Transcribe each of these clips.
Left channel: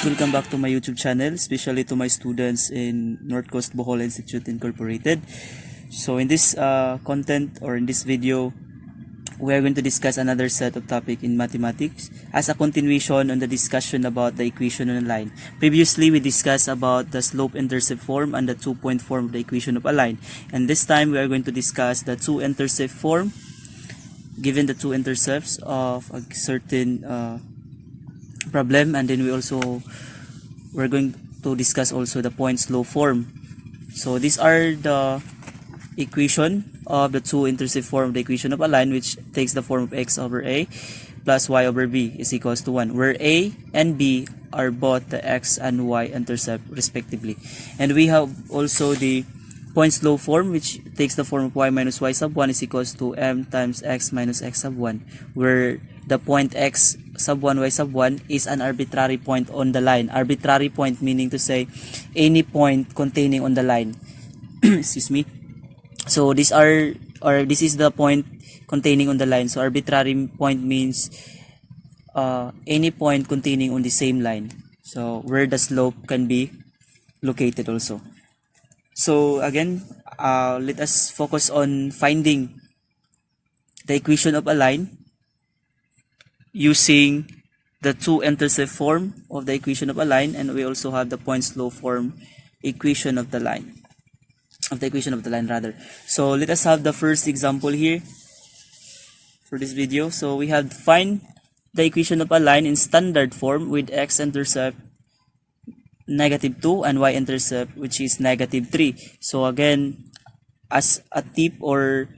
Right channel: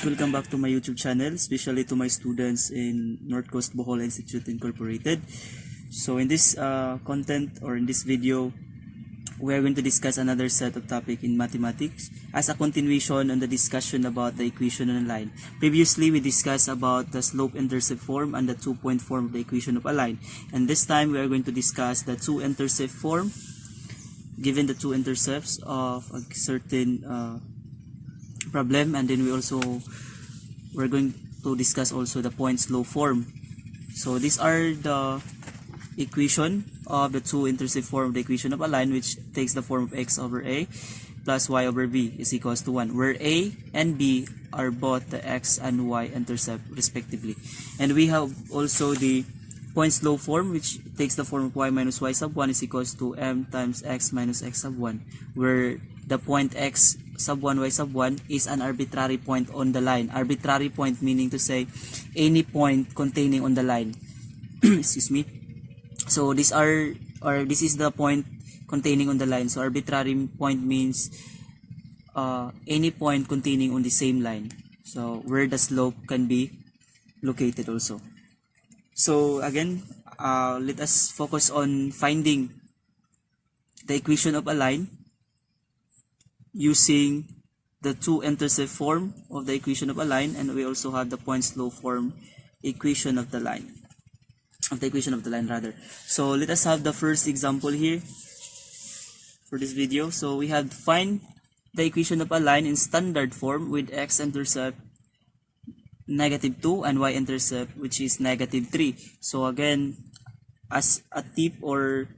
guys, welcome back to my YouTube channel, especially to my students in North Coast Bohol Institute Incorporated. So in this content or in this video, we are going to discuss another set of topic in mathematics as a continuation on the discussion about the equation on a line. Previously, we discussed about the slope-intercept form and the two-point form of the equation of a line. And this time, we are going to discuss the two-intercept form given the two intercepts of a certain problem, and then we're going to discuss also the point slope form. So these are the equation of the two-intercept form of the equation of a line, which takes the form of x over a plus y over b is equals to 1, where a and b are both the x and y intercept respectively. And we have also the point slope form, which takes the form of y minus y sub 1 is equals to m times x minus x sub 1, where the point x sub 1 y sub 1 is an arbitrary point on the line. Arbitrary point meaning to say any point containing on the line. Excuse me. So this is the point containing on the line. So arbitrary point means any point containing on the same line. So where the slope can be located also. So again, let us focus on finding the equation of a line using the two-intercept form of the equation of a line, and we also have the point slope form equation of the line. So let us have the first example here for this video. So we have to find the equation of a line in standard form with x-intercept -2 and y-intercept which is -3. So again, as a tip or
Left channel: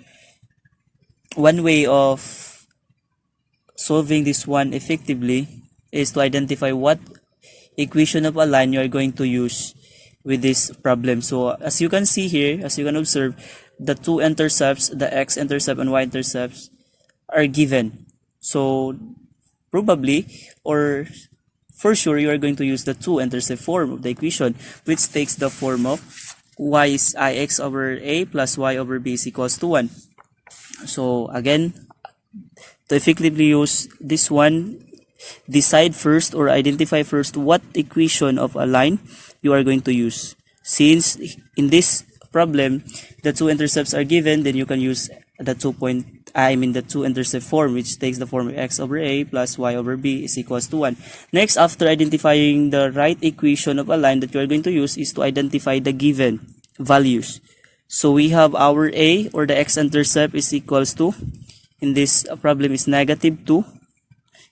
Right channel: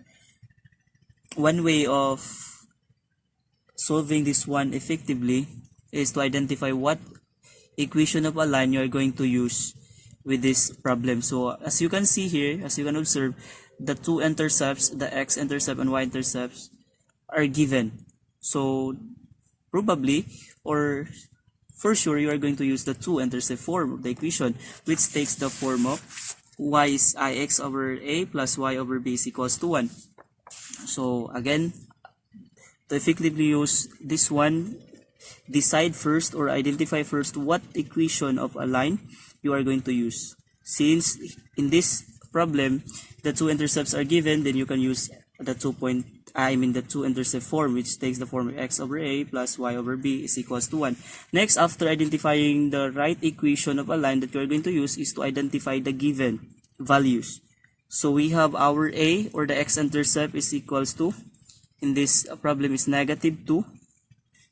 one way of solving this one effectively is to identify what equation of a line you are going to use with this problem. So as you can see here, as you can observe, the two intercepts, the x-intercept and y-intercepts, are given. So probably or for sure you are going to use the two-intercept form of the equation, which takes the form of y is ix over a plus y over b is equals to 1. So again, to effectively use this one, decide first or identify first what equation of a line you are going to use. Since in this problem the two intercepts are given, then you can use the the two-intercept form, which takes the form of x over a plus y over b is equals to 1. Next, after identifying the right equation of a line that you are going to use, is to identify the given values. So we have our a, or the x-intercept, is equals to, in this problem, is -2,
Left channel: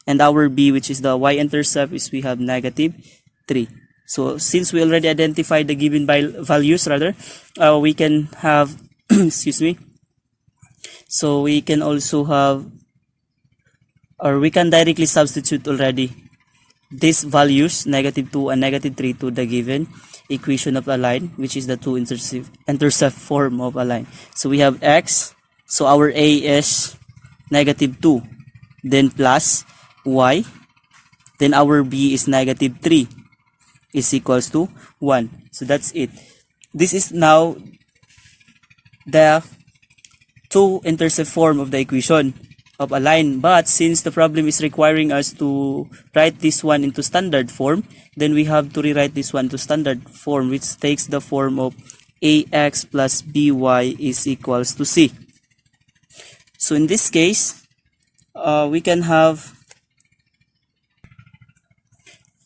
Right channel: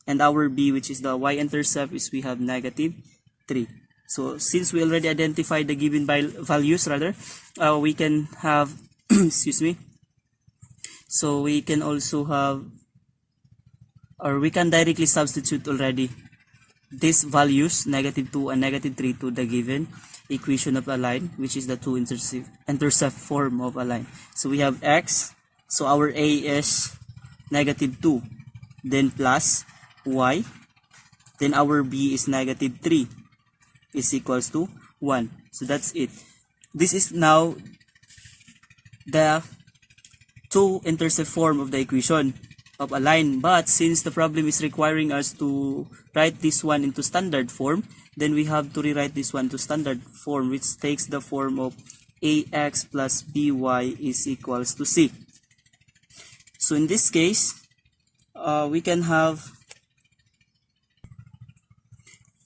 and our b, which is the y-intercept, is we have -3. So since we already identified the given values, we can have excuse me. So we can also have, or we can directly substitute already these values, -2 and -3, to the given equation of a line, which is the two-intercept form of a line. So we have x, so our a is -2, then plus y, then our b is -3 is equals to 1. So that's it. This is now the two-intercept form of the equation of a line. But since the problem is requiring us to write this one into standard form, then we have to rewrite this one to standard form, which takes the form of ax plus by is equals to c. So in this case, we can have,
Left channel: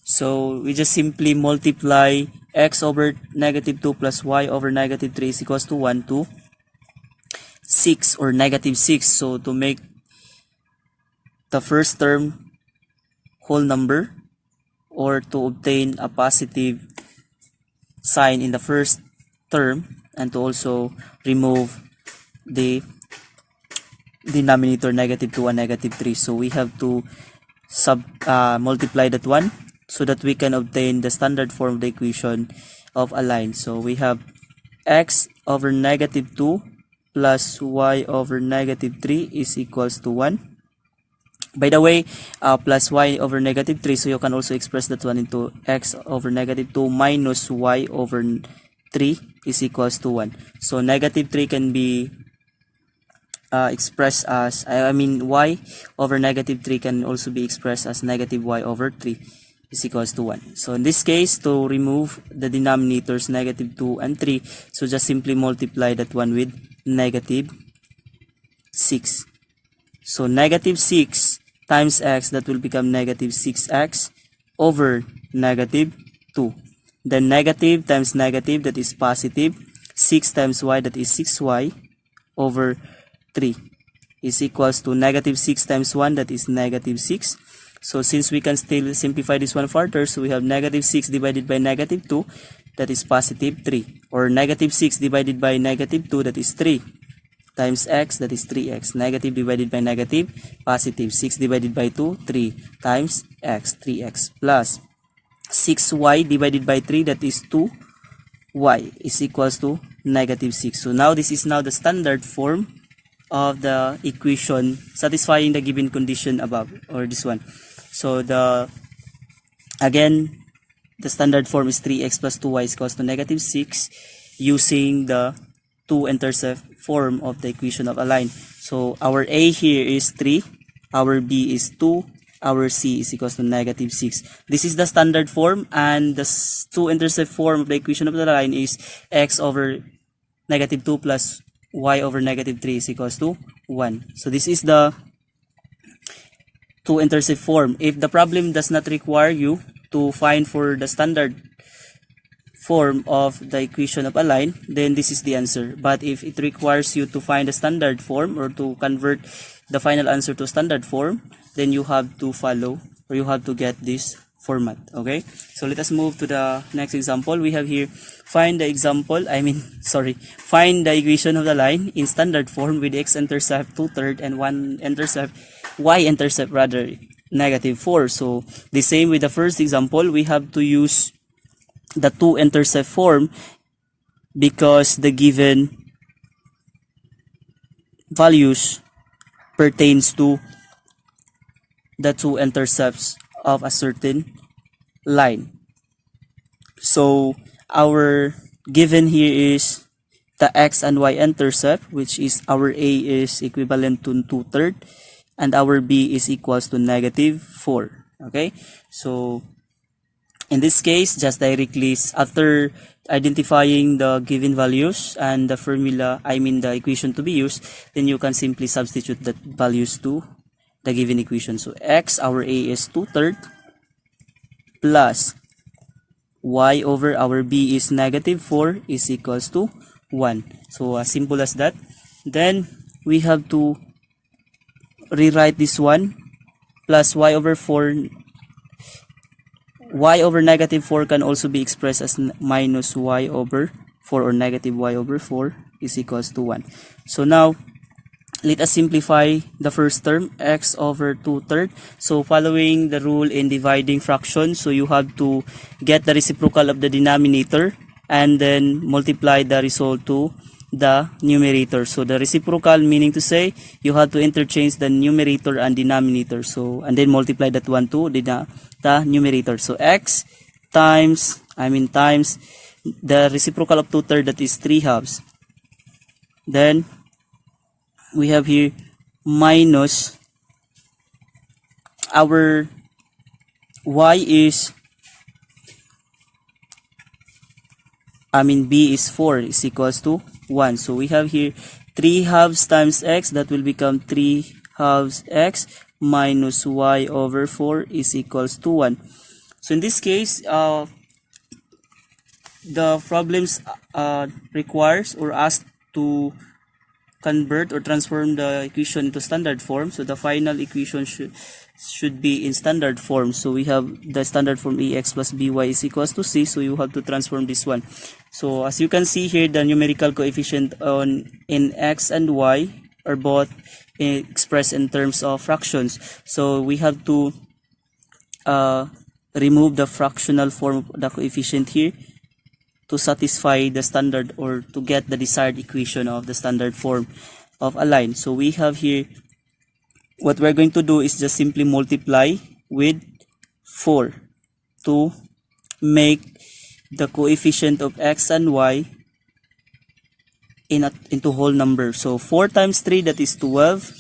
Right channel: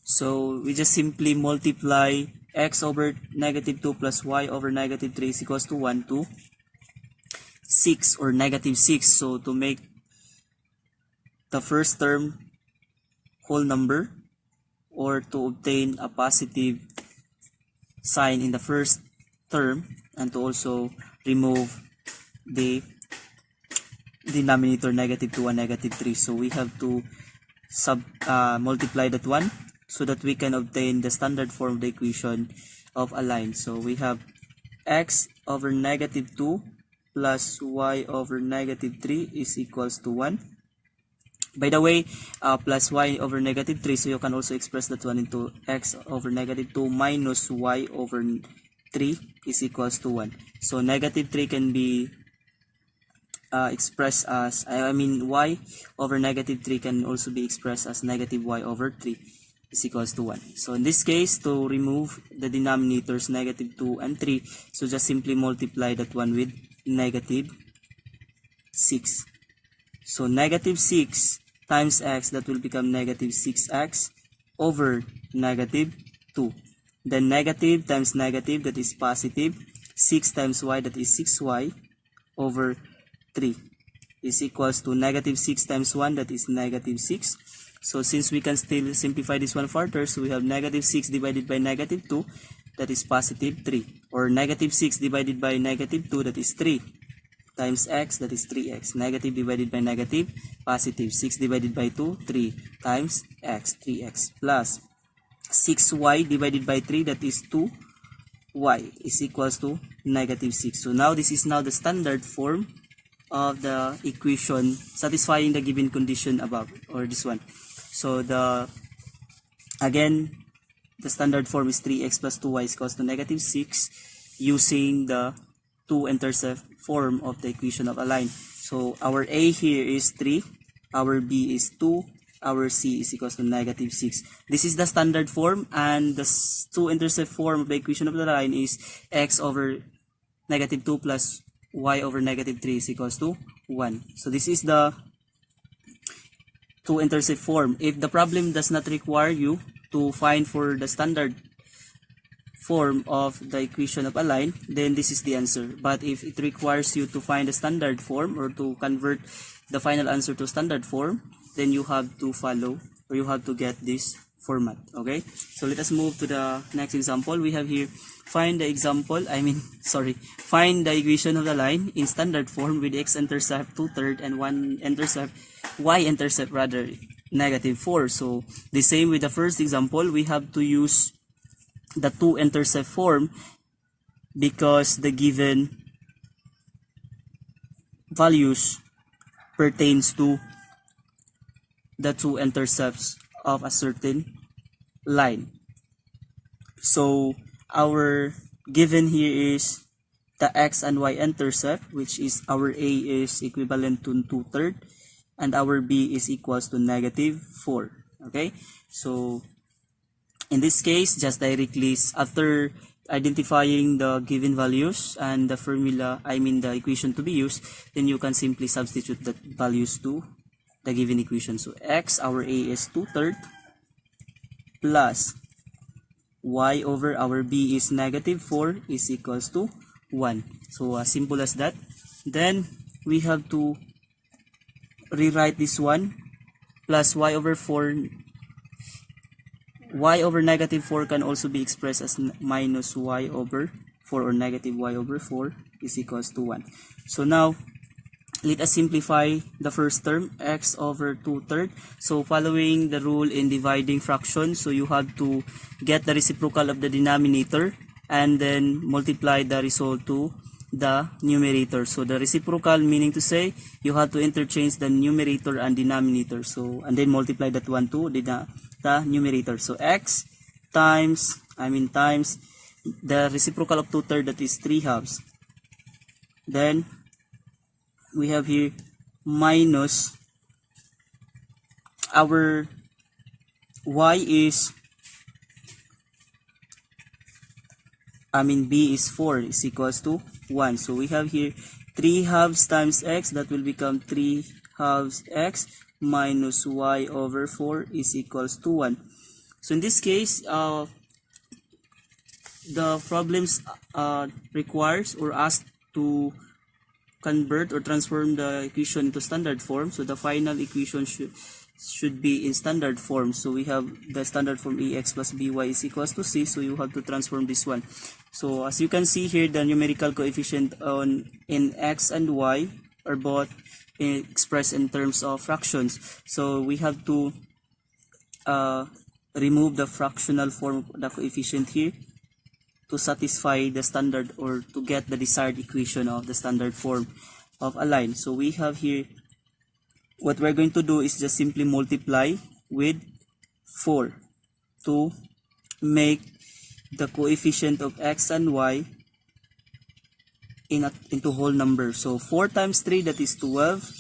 so we just simply multiply x over -2 plus y over -3 is equals to 1 to 6 or -6. So to make the first term whole number, or to obtain a positive sign in the first term, and to also remove the denominator -2 and -3. So we have to multiply that one so that we can obtain the standard form of the equation of a line. So we have x over -2 plus y over -3 is equals to 1. By the way, plus y over -3, so you can also express that one into x over -2 minus y over 3 is equals to 1. So -3 can be expressed as, y over -3 can also be expressed as -y over 3 is equals to 1. So in this case, to remove the denominators negative 2 and 3, so just simply multiply that one with negative 6. So negative 6 times x, that will become negative 6x over negative 2. Then negative times negative, that is positive. 6 times y, that is 6y over 3 is equals to negative 6 times 1, that is negative 6. So since we can still simplify this one further, so we have negative 6 divided by negative 2, that is positive 3. Or negative 6 divided by negative 2, that is 3. Times x, that is 3x. Negative divided by negative, positive. 6 divided by 2, 3. Times x, 3x. Plus 6y divided by 3, that is 2y, is equals to negative 6. So now this is now the standard form of the equation satisfying the given condition above, or this one. So the standard form is 3x plus 2y is equals to negative 6 using the two-intercept form of the equation of a line. So our a here is 3, our b is 2, our c is equals to negative 6. This is the standard form, and the two-intercept form of the equation of the line is x over negative 2 plus y over negative 3 is equals to 1. So this is the two-intercept form. If the problem does not require you to find for the standard form of the equation of a line, then this is the answer. But if it requires you to find a standard form or to convert the final answer to standard form, then you have to follow, or you have to get this format. Okay, so let us move to the next example. We have here, find the equation of the line in standard form with x-intercept 2/3 and y-intercept rather negative 4. So the same with the first example, we have to use the two-intercept form because the given values pertains to the two intercepts of a certain line. So our given here is the x and y intercept, which is our a is equivalent to 2/3 and our b is equals to negative 4. Okay, so in this case, just directly after identifying the given values and the formula, the equation to be used, then you can simply substitute the values to the given equation. So x, our a is 2/3 plus y over our b is negative 4 is equals to 1. So as simple as that. Then we have to rewrite this one, plus y over 4. Y over negative 4 can also be expressed as minus y over 4, or negative y over 4 is equals to 1. So now let us simplify the first term, x over 2/3. So following the rule in dividing fractions, so you have to get the reciprocal of the denominator and then multiply the result to the numerator. So the reciprocal, meaning to say you have to interchange the numerator and denominator, so and then multiply that one to the numerator. So x times the reciprocal of 2/3, that is 3/2. Then we have here minus our y is b is 4 is equals to 1. So we have here 3/2 times x, that will become 3/2 x minus y over 4 is equals to 1. So in this case, the problems requires or asked to convert or transform the equation into standard form. So the final equation should be in standard form. So we have the standard form ax plus by is equals to c. So you have to transform this one. So as you can see here, the numerical coefficient in x and y are both expressed in terms of fractions. So we have to remove the fractional form of the coefficient here to satisfy the standard, or to get the desired equation of the standard form of a line. So we have here, what we're going to do is just simply multiply with 4 to make the coefficient of x and y into whole number. So 4 times 3, that is 12,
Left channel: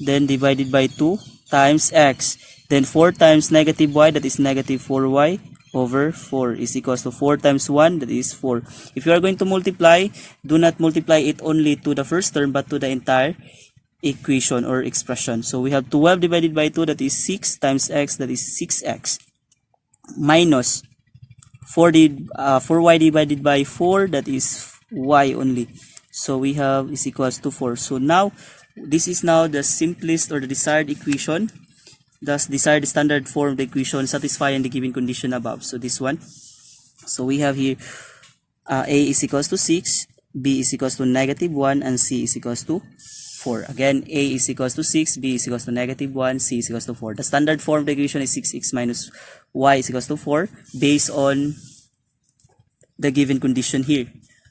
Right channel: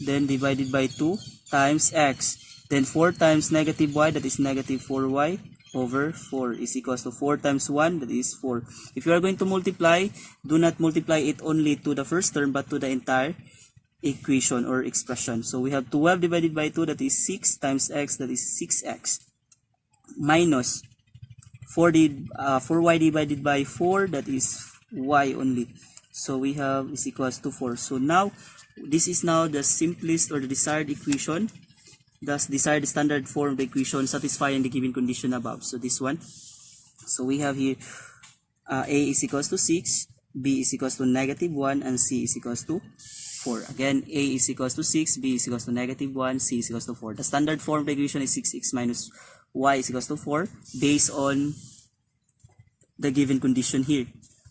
then divided by 2 times x. Then 4 times negative y, that is negative 4y over 4 is equals to 4 times 1, that is 4. If you are going to multiply, do not multiply it only to the first term but to the entire equation or expression. So we have 12 divided by 2, that is 6 times x, that is 6x, minus 4y divided by 4, that is y only. So we have is equals to 4. So now this is now the simplest or the desired equation, thus desired standard form of the equation satisfying the given condition above. So this one. So we have here a is equals to 6, b is equals to negative 1, and c is equals to 4. Again, a is equals to 6, b is equals to negative 1, c is equals to 4. The standard form of the equation is 6x minus y is equals to 4 based on the given condition here.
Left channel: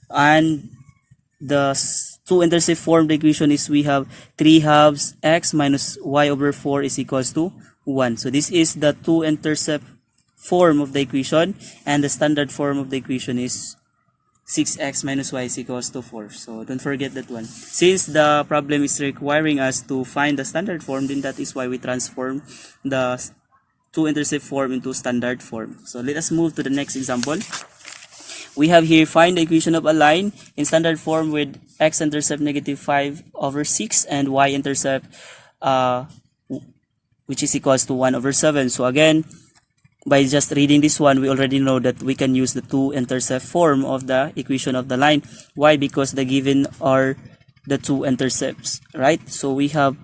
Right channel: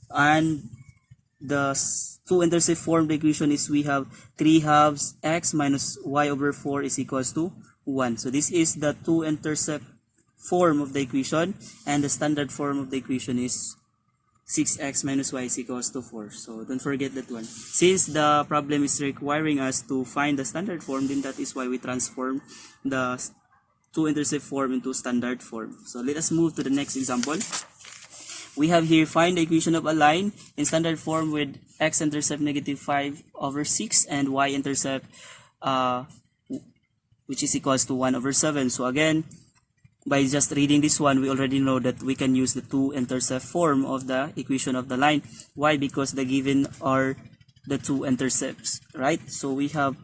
And the two-intercept form of the equation is we have 3 halves x minus y over 4 is equals to 1. So this is the two-intercept form of the equation, and the standard form of the equation is 6x minus y is equals to 4. So don't forget that one. Since the problem is requiring us to find the standard form, then that is why we transform the two-intercept form into standard form. So let us move to the next example. We have here find the equation of a line in standard form with x-intercept negative 5 over 6 and y-intercept which is equals to 1 over 7. So again, by just reading this one, we already know that we can use the two-intercept form of the equation of the line. Why? Because the given are the two intercepts, right? So we have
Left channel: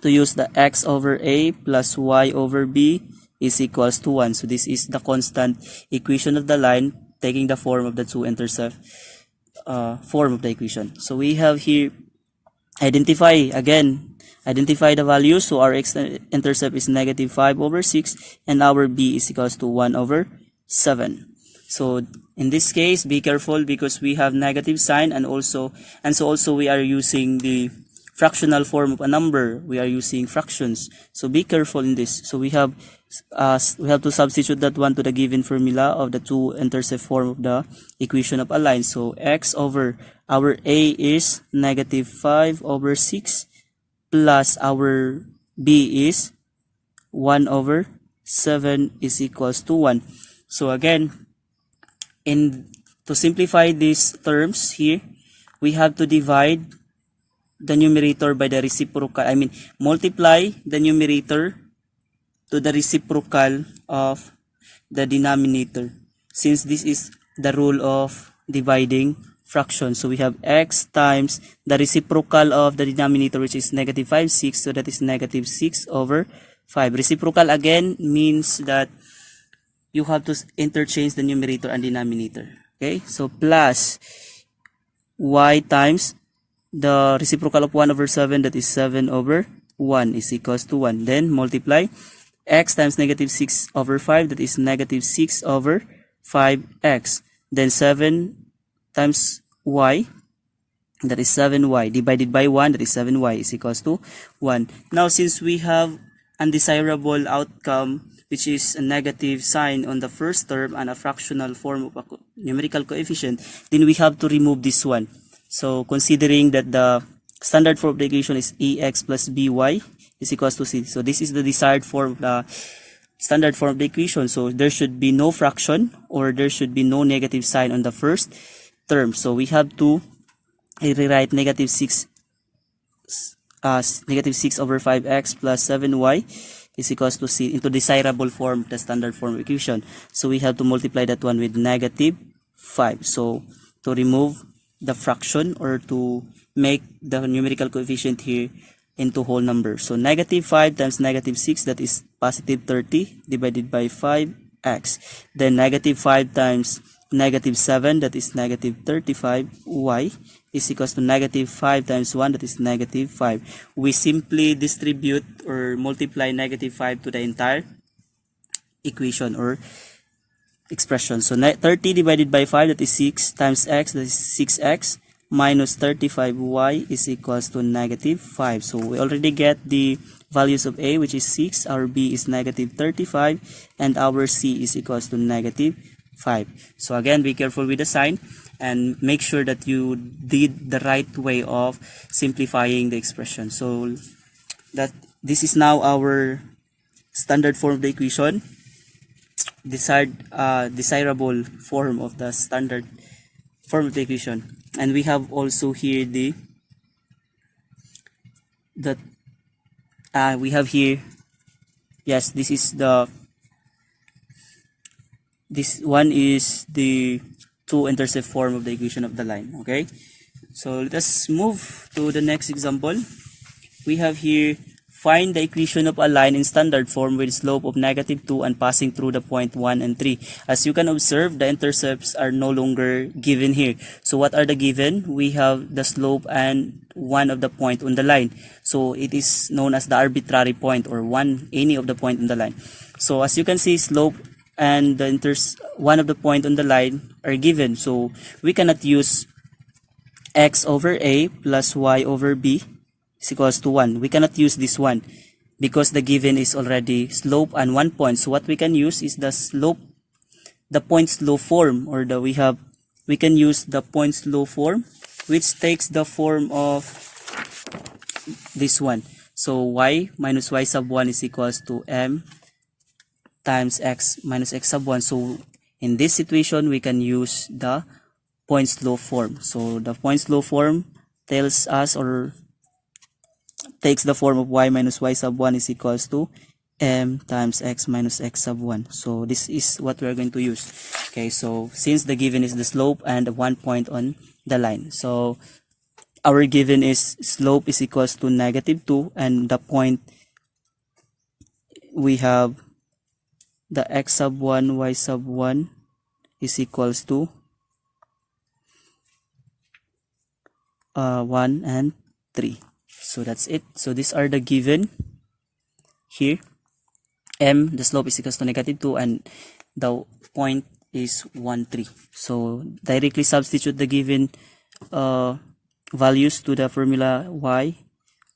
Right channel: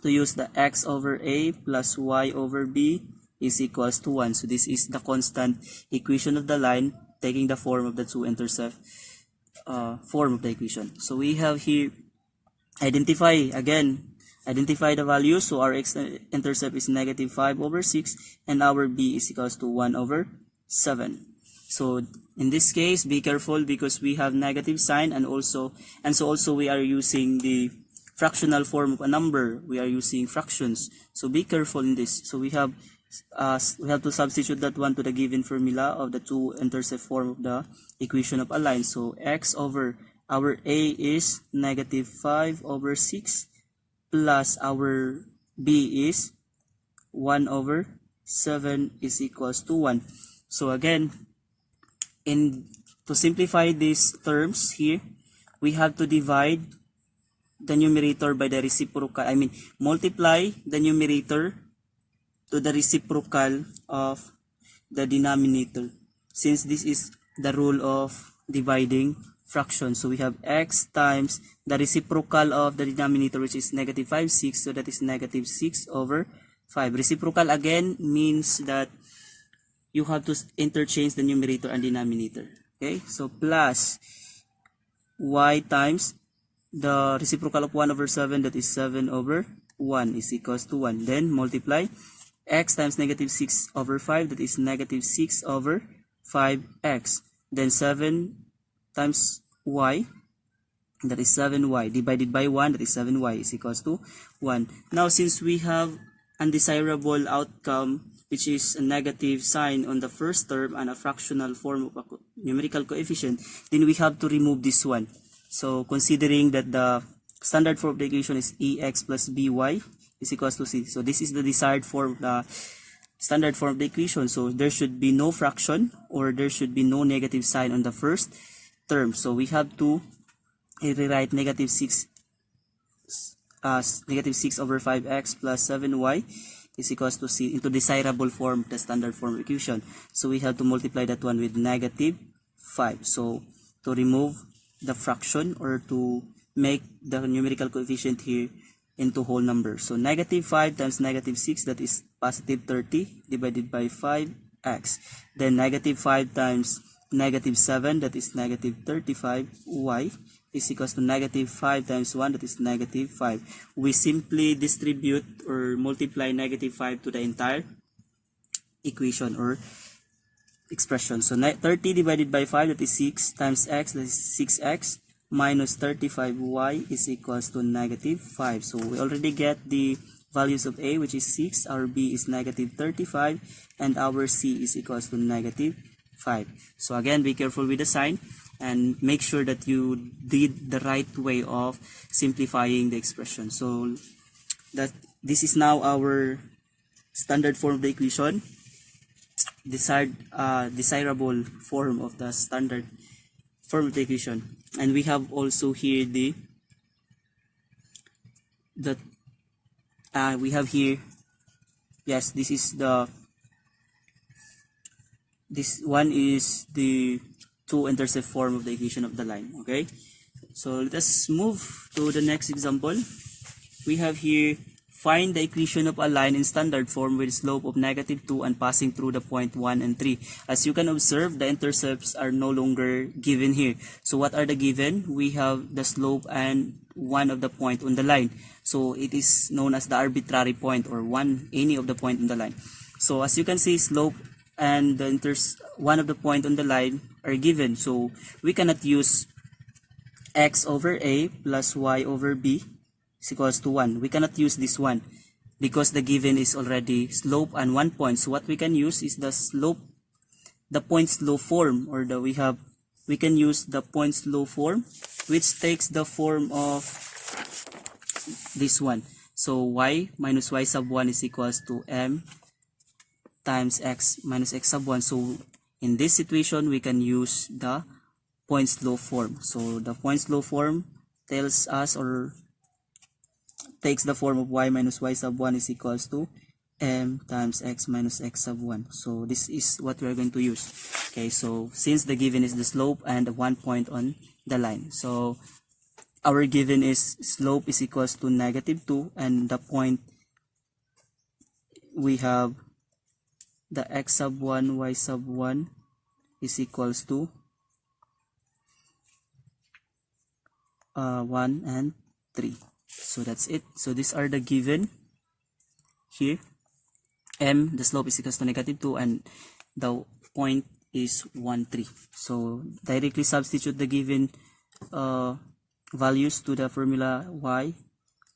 to use the x over a plus y over b is equals to 1. So this is the constant equation of the line taking the form of the two-intercept form of the equation. So we have here identify the values. So our x-intercept is negative 5 over 6 and our b is equals to 1 over 7. So in this case, be careful because we have negative sign, and so also we are using the fractional form of a number. We are using fractions. So be careful in this. So we have to substitute that one to the given formula of the two-intercept form of the equation of a line. So x over our a is negative 5 over 6 plus our b is 1 over 7 is equals to 1. So again, to simplify these terms here, we have to divide the numerator by the reciprocal. Multiply the numerator to the reciprocal of the denominator, since this is the rule of dividing fractions. So we have x times the reciprocal of the denominator, which is negative 5, 6. So that is negative 6 over 5. Reciprocal again means that you have to interchange the numerator and denominator. Okay, so plus y times the reciprocal of 1 over 7, that is 7 over 1 is equals to 1. Then multiply x times negative 6 over 5, that is negative 6 over 5x. Then 7 times y, that is 7y, divided by 1, that is 7y is equals to 1. Now since we have undesirable outcome, which is a negative sign on the first term and a fractional form of a numerical coefficient, then we have to remove this one. So considering that the standard form of the equation is ax plus by is equals to c. So this is the desired form, the standard form of the equation. So there should be no fraction or there should be no negative sign on the first term. So we have to rewrite negative 6 as negative 6 over 5x plus 7y is equals to c into desirable form, the standard form equation. So we have to multiply that one with negative 5. So to remove the fraction or to make the numerical coefficient here into whole number. So negative 5 times negative 6, that is positive 30 divided by 5x. Then negative 5 times negative 7, that is negative 35y is equals to negative 5 times 1, that is negative 5. We simply distribute or multiply negative 5 to the entire equation or expression. So 30 divided by 5, that is 6 times x, that is 6x, minus 35y is equals to negative 5. So we already get the values of a, which is 6, our b is negative 35, and our c is equals to negative 5. So again, be careful with the sign and make sure that you did the right way of simplifying the expression. So that this is now our standard form of the equation, desirable form of the standard form of the equation. And we have also here the we have here, yes, this one is the two-intercept form of the equation of the line. Okay, so let us move to the next example. We have here, find the equation of a line in standard form with slope of -2 and passing through the point 1 and 3. As you can observe, the intercepts are no longer given here. So what are the given? We have the slope and one of the point on the line. So it is known as the arbitrary point, or any of the point on the line. So as you can see, slope and the one of the point on the line are given. So we cannot use x over a plus y over b is equals to 1. We cannot use this one because the given is already slope and 1 point. So what we can use is the point slope form, or we can use the point slope form, which takes the form of this one. So y minus y sub 1 is equals to m times x minus x sub 1. So in this situation, we can use the point slope form. So the point slope form tells us, or takes the form of y minus y sub 1 is equals to m times x minus x sub 1. So this is what we are going to use. Okay, so since the given is the slope and 1 point on the line, so our given is slope is equals to -2, and the point, we have the x sub 1, y sub 1 is equals to 1 and 3. So that's it. So these are the given here. M, the slope is equals to -2, and the point is 1, 3. So directly substitute the given values to the formula y,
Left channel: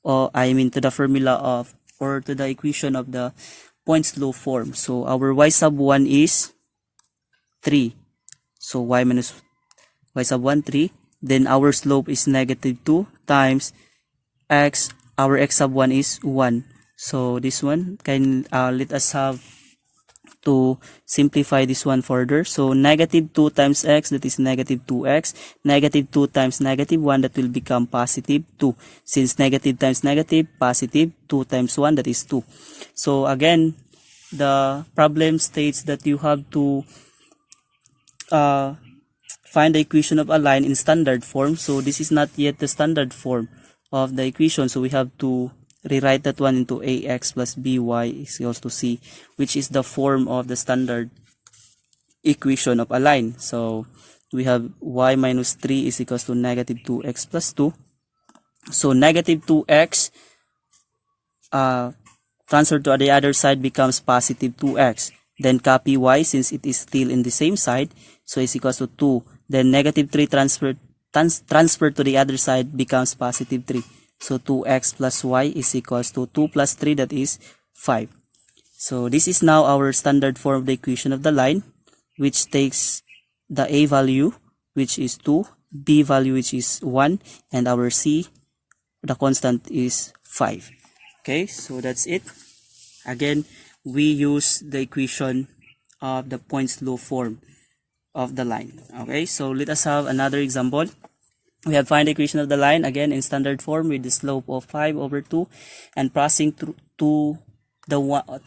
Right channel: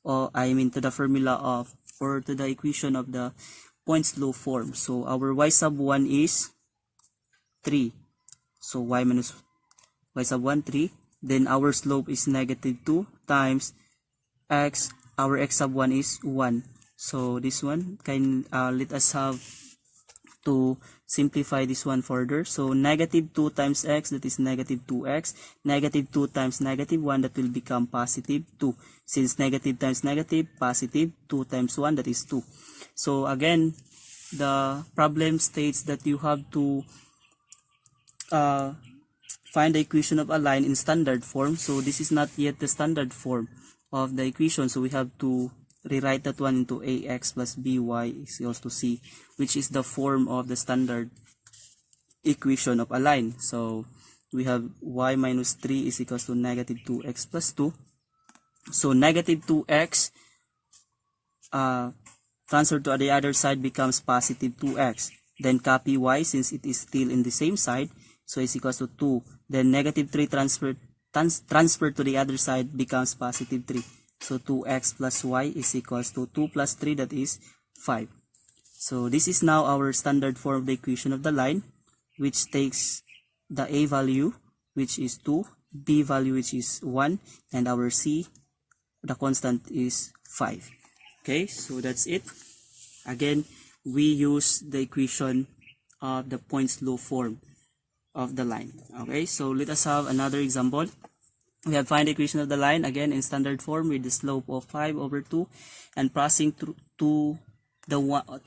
or to the formula of, or to the equation of the point slope form. So our y sub 1 is 3. So y minus y sub 1, 3. Then our slope is -2 times x, our x sub 1 is 1. So this one can let us have to simplify this one further. So -2 times x, that is -2x. -2 times -1, that will become +2. Since negative times negative, positive, 2 times 1, that is 2. So again, the problem states that you have to find the equation of a line in standard form. So this is not yet the standard form of the equation, so we have to rewrite that one into ax plus by is equals to c, which is the form of the standard equation of a line. So we have y minus 3 is equals to -2x plus 2. So -2x transferred to the other side becomes +2x. Then copy y since it is still in the same side, so it's equals to 2. Then -3 transferred to the other side becomes +3. So 2x plus y is equals to 2 plus 3, that is 5. So this is now our standard form of the equation of the line, which takes the a value, which is 2, b value, which is 1, and our c, the constant, is 5. Okay, so that's it. Again, we use the equation of the point slope form of the line. Okay, so let us have another example. We have find the equation of the line again in standard form with the slope of 5/2 and passing through to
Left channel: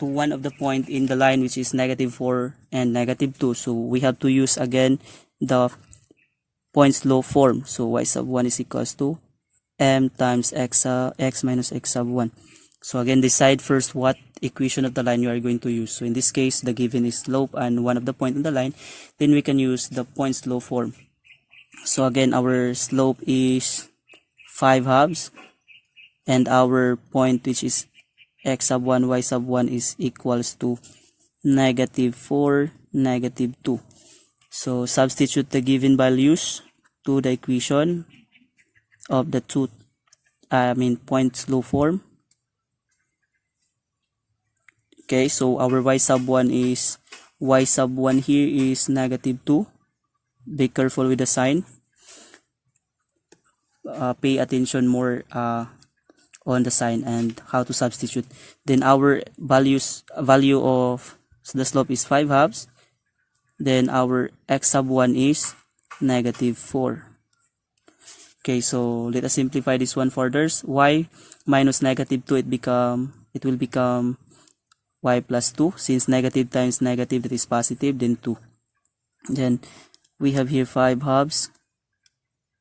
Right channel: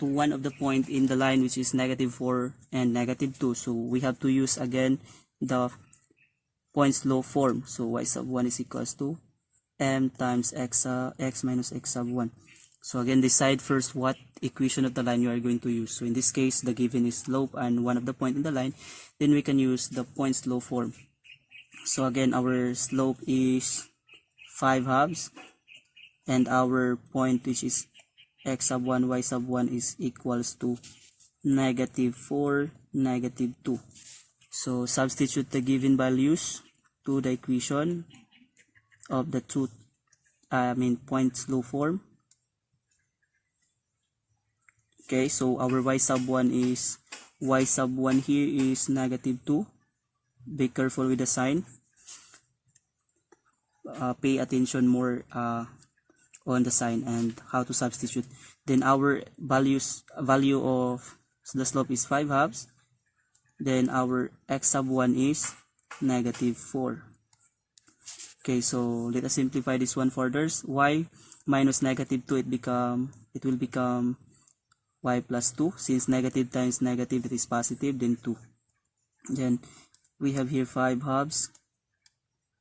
one of the point in the line, which is -4 and -2. So we have to use again the point slope form. So y sub 1 is equals to m times x minus x sub 1. So again, decide first what equation of the line you are going to use. So in this case, the given is slope and one of the point in the line. Then we can use the point slope form. So again, our slope is 5/2, and our point, which is x sub 1, y sub 1, is equals to -4, -2. So substitute the given values to the equation of the point slope form. Okay, so our y sub 1 here is -2. Be careful with the sign. Pay attention more on the sign and how to substitute. Then our value of the slope is 5 halves. Then our x sub 1 is -4. Okay, so let us simplify this one further. Y minus -2, it will become y plus 2. Since negative times negative, that is positive, then 2. Then we have here 5 halves,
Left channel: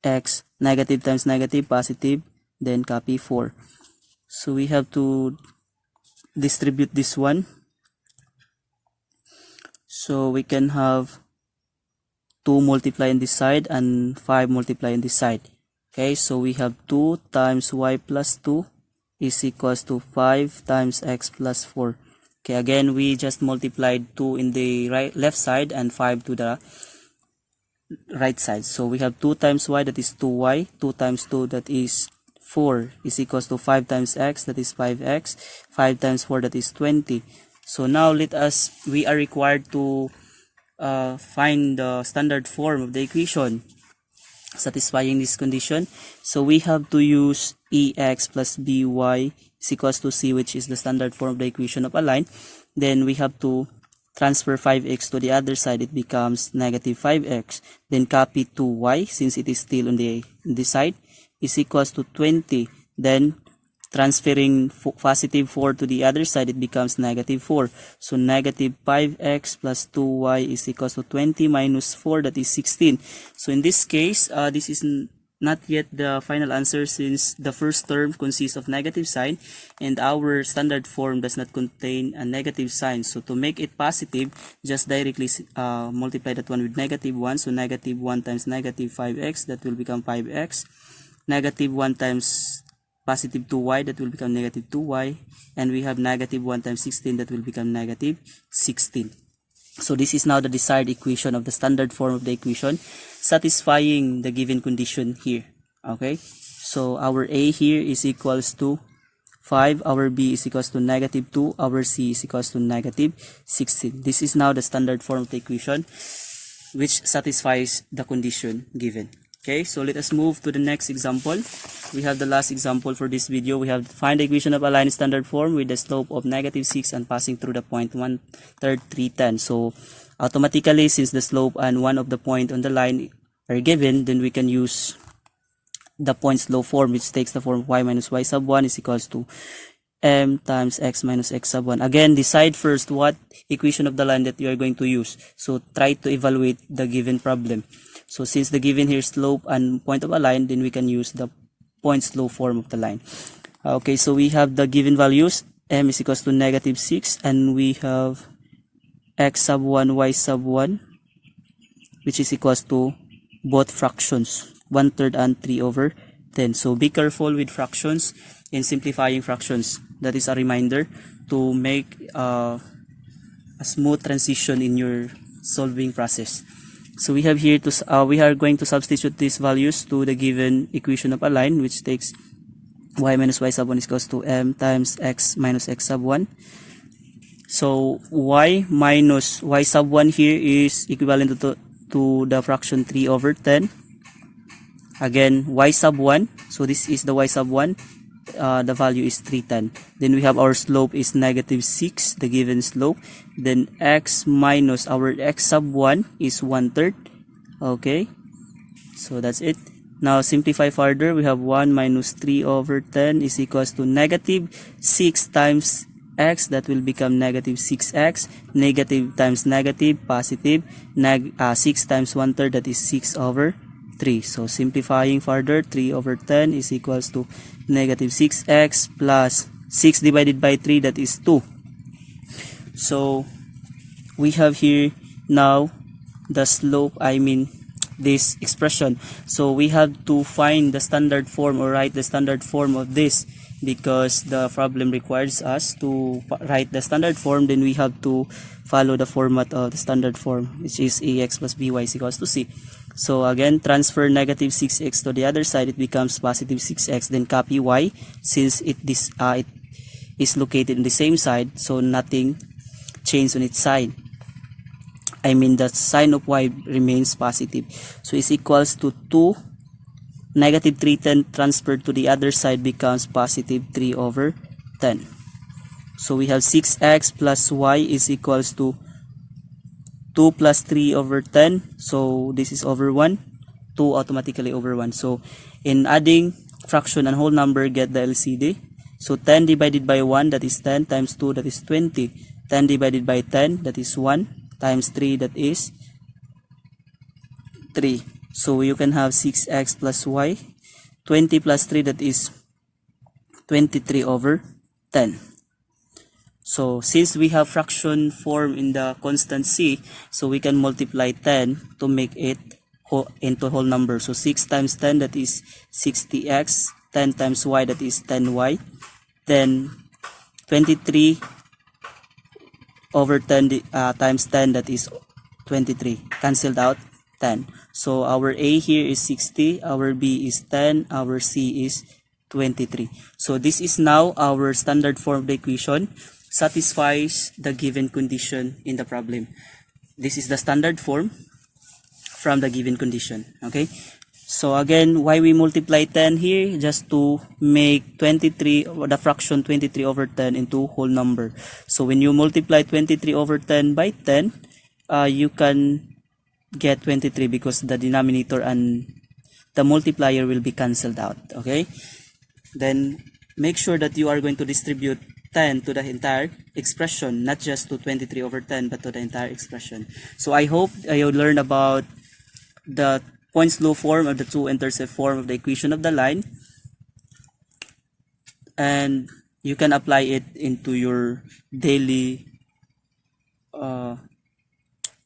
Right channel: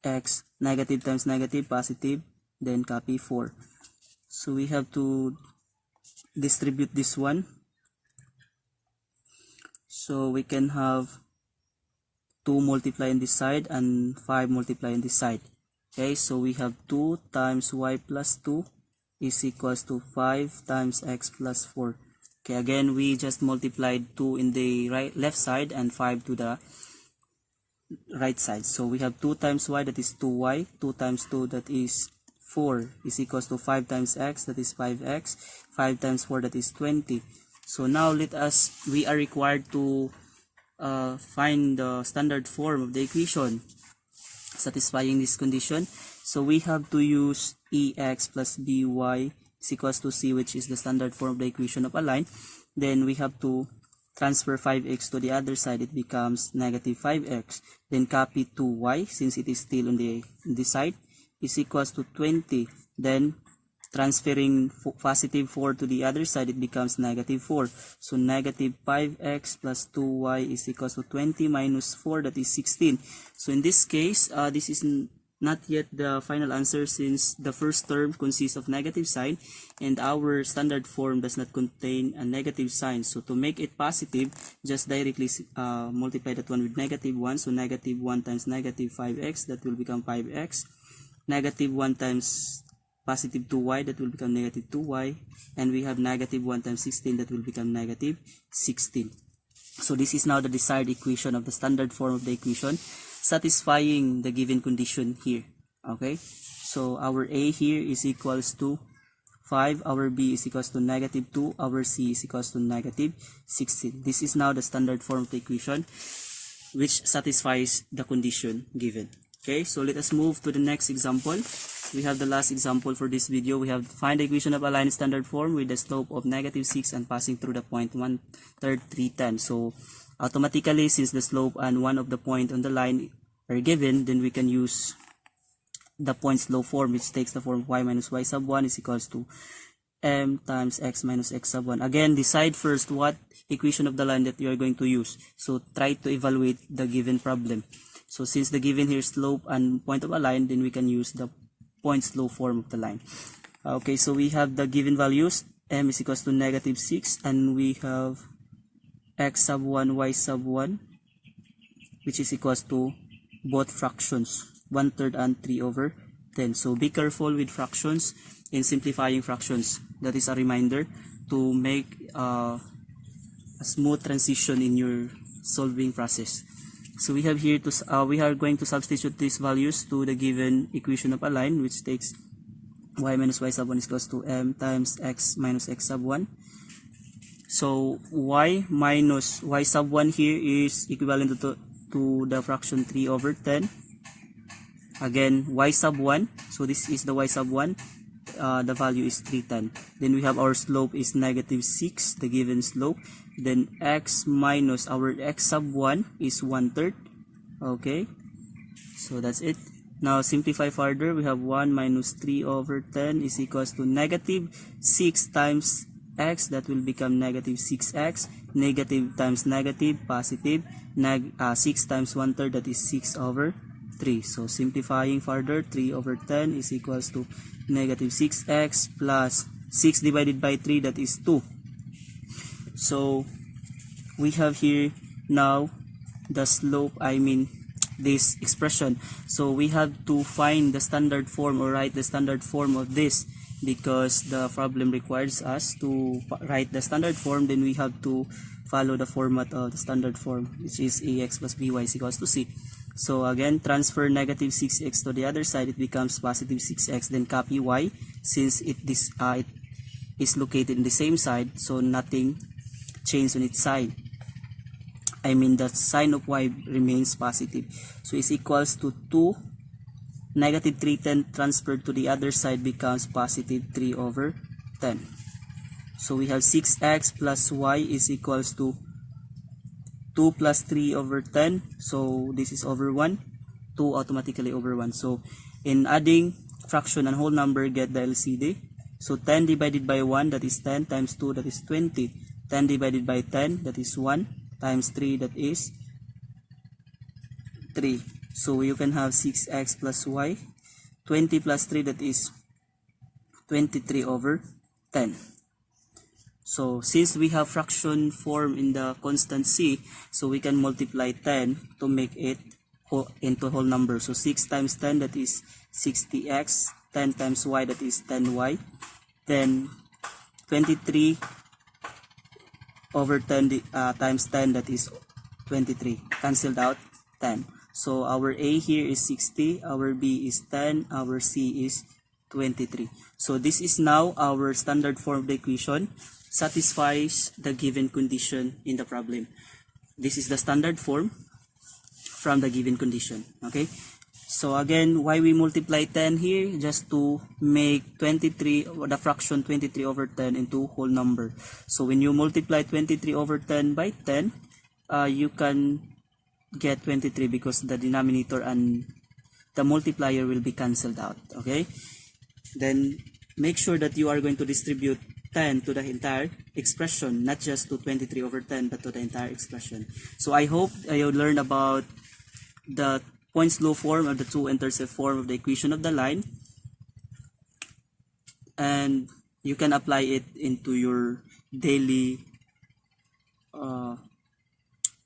x, negative times negative, positive, then copy 4. So we have to distribute this one. So we can have 2 multiply on this side and 5 multiply on this side. Okay, so we have 2 times y plus 2 is equals to 5 times x plus 4. Okay, again, we just multiplied 2 in the left side and 5 to the right side. So we have 2 times y, that is 2y, 2 times 2, that is 4, is equals to 5 times x, that is 5x, 5 times 4, that is 20. So now we are required to find the standard form of the equation satisfying this condition. So we have to use ex plus by is equals to c, which is the standard form of the equation of a line. Then we have to transfer 5x to the other side, it becomes -5x. Then copy 2y, since it is still on this side, is equals to 20. Then transferring positive 4 to the other side, it becomes -4. So -5x plus 2y is equals to 20 minus 4, that is 16. So in this case, this is not yet the final answer, since the first term consists of negative sign and our standard form does not contain a negative sign. So to make it positive, just directly multiply that one with -1. So -1 times -5x, that will become 5x. -1 times positive 2y, that will become -2y, and we have -1 times 16, that will become -16. So this is now the desired equation of the standard form of the equation, satisfying the given condition here. Okay, so our a here is equals to 5, our b is equals to -2, our c is equals to -16. This is now the standard form of the equation which satisfies the condition given. Okay, so let us move to the next example. We have the last example for this video. We have find the equation of a line in standard form with the slope of -6 and passing through the point 1/3, 3/10. So automatically, since the slope and one of the point on the line are given, then we can use the point slope form, which takes the form y minus y sub 1 is equals to m times x minus x sub 1. Again, decide first what equation of the line that you are going to use. So try to evaluate the given problem. So since the given here slope and point of a line, then we can use the point slope form of the line. Okay, so we have the given values. M is equals to -6, and we have x sub 1, y sub 1, which is equals to both fractions, 1/3 and 3/10. So be careful with fractions in simplifying fractions. That is a reminder to make a smooth transition in your solving process. So we have here we are going to substitute these values to the given equation of a line, which takes y minus y sub 1 is equals to m times x minus x sub 1. So y minus y sub 1 here is equivalent to the fraction 3/10. Again, y sub 1, so this is the y sub 1, the value is 3/10. Then we have our slope is -6, the given slope. Then x minus our x sub 1 is 1/3. Okay, so that's it. Now simplify further. We have 1 minus 3/10 is equals to -6 times x, that will become -6x. Negative times negative, positive. 6 times 1/3, that is 6/3. So simplifying further, 3/10 is equals to -6x plus 6 divided by 3, that is 2. So we have here now the slope, this expression. So we have to find the standard form or write the standard form of this, because the problem requires us to write the standard form. Then we have to follow the format of the standard form, which is ax plus by is equals to c. So again, transfer -6x to the other side, it becomes +6x. Then copy y, since it is located in the same side, so nothing changed on its side. The sign of y remains positive. So is equals to 2 negative 3 transferred to the other side becomes positive 3 over 10. So we have 6x plus y is equals to 2 plus 3 over 10. So this is over 1. 2 automatically over 1. So in adding fraction and whole number, get the LCD. So 10 divided by 1, that is 10, times 2, that is 20. 10 divided by 10, that is 1, times 3, that is 3. So you can have 6x plus y. 20 plus 3, that is 23 over 10. So since we have fraction form in the constant c, so we can multiply 10 to make it into whole number. So 6 times 10, that is 60x. 10 times y, that is 10y. Then 23 over 10 times 10, that is 23. Cancelled out 10. So our A here is 60, our B is 10, our C is 23. So this is now our standard form of the equation, satisfies the given condition in the problem. This is the standard form from the given condition. Okay. So again, why we multiply 10 here? Just to make 23, the fraction 23 over 10 into whole number. So when you multiply 23 over 10 by 10, you can get 23 because the denominator and the multiplier will be cancelled out. Okay. Then make sure that you are going to distribute 10 to the entire expression, not just to 23 over 10, but to the entire expression. So I hope you learned about the Points law form or the two-intercept form of the equation of the line, and you can apply it into your daily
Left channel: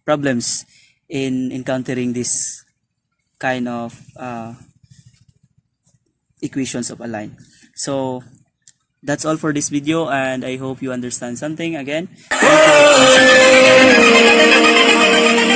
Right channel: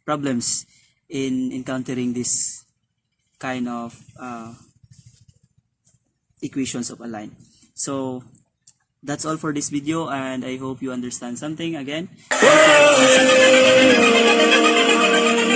problems in encountering this kind of equations of a line. So that's all for this video, and I hope you understand something. Again, thank you.